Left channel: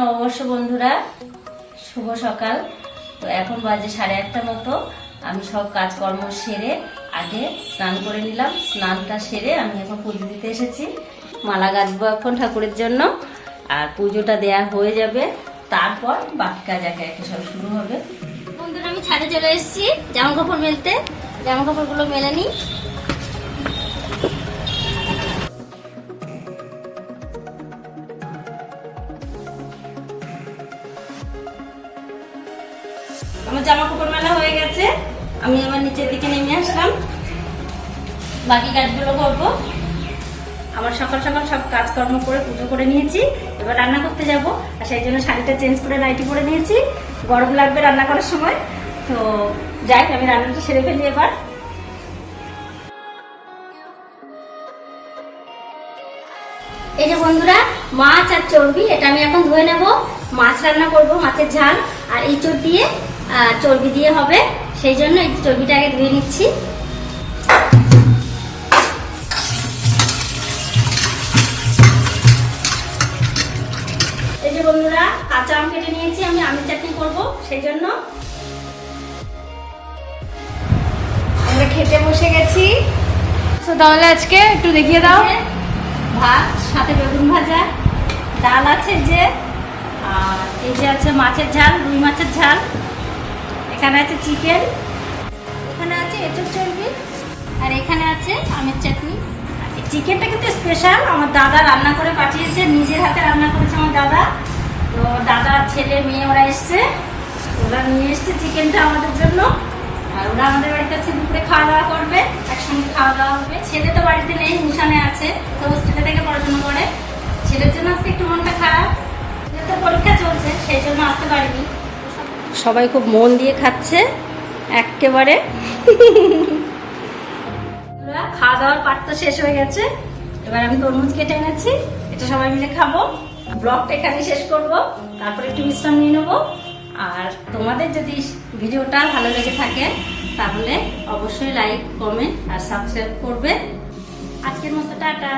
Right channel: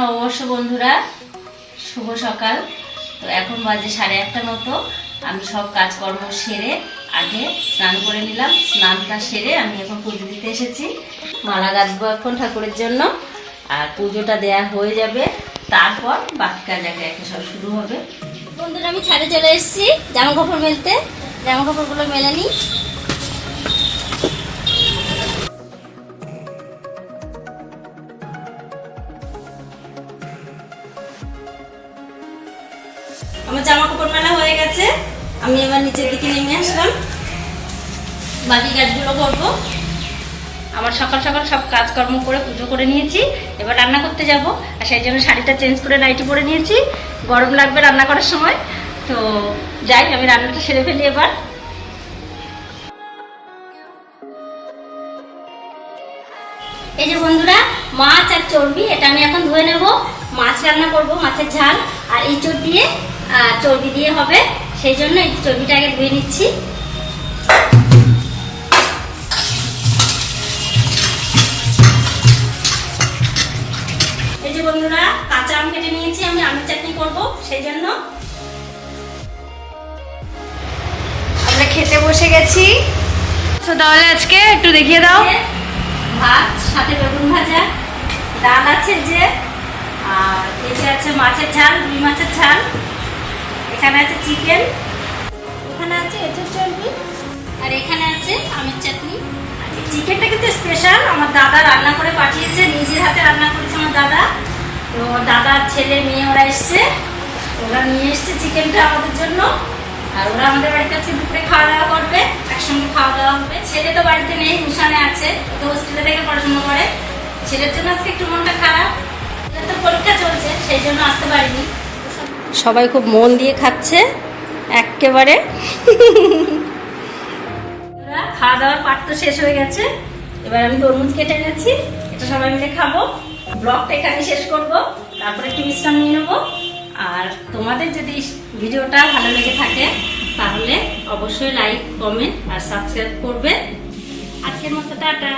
নববর্ষ বন্ধুরা, শুভ সকাল। তো এখন বাজে 8:30 মতো। আমি সব কাজকর্ম সেরে আগে স্নান করে নিলাম। স্নানটা সেরে আমি এখন পুজো দিতে এসেছি। মালা গাঁথবো এখন ঠাকুরের জন্য, আর পুজোটা দেয়া হয়ে যাবে, তারপর বাকি কাজ একে একে সব শুরু হবে। বন্ধুরা, আমি ছাদে চলে এসেছি জামা কাপড় মেলতে। জামা কাপড়গুলো মেলে নিই। আমার জামা কাপড় মেলা হয়ে গেছে। আমি এবার নিচের দিকে নেমে আসলাম, বাকি কাজগুলো করবো। আমার সকাল সকাল সব কাজকর্ম করে পুজো করে নিয়েছি। এবার রান্না করতে যাব, আর সেই জন্য শাড়িটা চেঞ্জ করে নাইটি পরে নিয়েছি। গরম লাগবে রান্না করার সময়। তো যাই, আমি রান্নাটা সেরে ফেলি এবার। এই যে বন্ধুরা, মাছ আর চর্বি, এটা আমি এখন ধুয়ে নেব। মাছ রান্না করব, মাছের ঝাল, আর ইঁচড় দিয়ে চর্বি দিয়ে হবে, সেই জন্য এই চর্বিটা আগে ধুয়ে নিচ্ছি। এই যে বন্ধুরা, কাঁচা আম কেটে নিয়েছি, আমি আমের চাটনি করব, সেই জন্য আমরা খেতে বসে গেছি। তো তাহলে আজকে একটু দেখিয়ে দাও। ভাত, সাথে বেগুন ভাজা, ডাল আছে যে, আর এই যে আছে মাছের ঝাল, রুই মাছের ঝাল, এখানে আছে চিকেন, এখানে আছে এঁচোড় চর্বি, আর এখানে আছে আমের চাটনি। চিকেনটা কিন্তু স্পেশাল, আমার দাদা রান্না করে পাঠিয়েছে, নিজের হাতে রান্না করেছে আমার দাদা। তো দাদার ছেলে মেয়ে ওরা এসছে, ওরা নিয়ে এসছে চিকেনটা আমাদের জন্য, আর ওরা আমাদের বাড়ির কাছে দুপুরে খাওয়া দাওয়া করবে, একসঙ্গে খাওয়া দাওয়া হবে। ছেলে তো বাড়িতে নেই, মিশনে আছে, তো হোস্টেলে থেকে পড়াশোনা করে। ছেলের জন্য আজকে একটু মনটা খারাপ, ছেলের তো পরীক্ষা চলছে, সেই জন্য আসতে পারিনি। সবাই খুব মন দিয়ে খাচ্ছে একেবারে। খাওয়া দাওয়ার পাট তো শেষ হয়ে গেছে। এবার আমি তরমুজ কেটে এনেছি, এটা সবাই মিলে খাবো। ব্লগটা এখানে শেষ করব, তারপরে একটু বিশ্রাম নিয়ে নেবো। আর তোমাদের যদি ভিডিওটা ভালো লেগে থাকে তাহলে অবশ্যই লাইক, কমেন্ট আর সাবস্ক্রাইব করবে। আজকের মতো টাটা।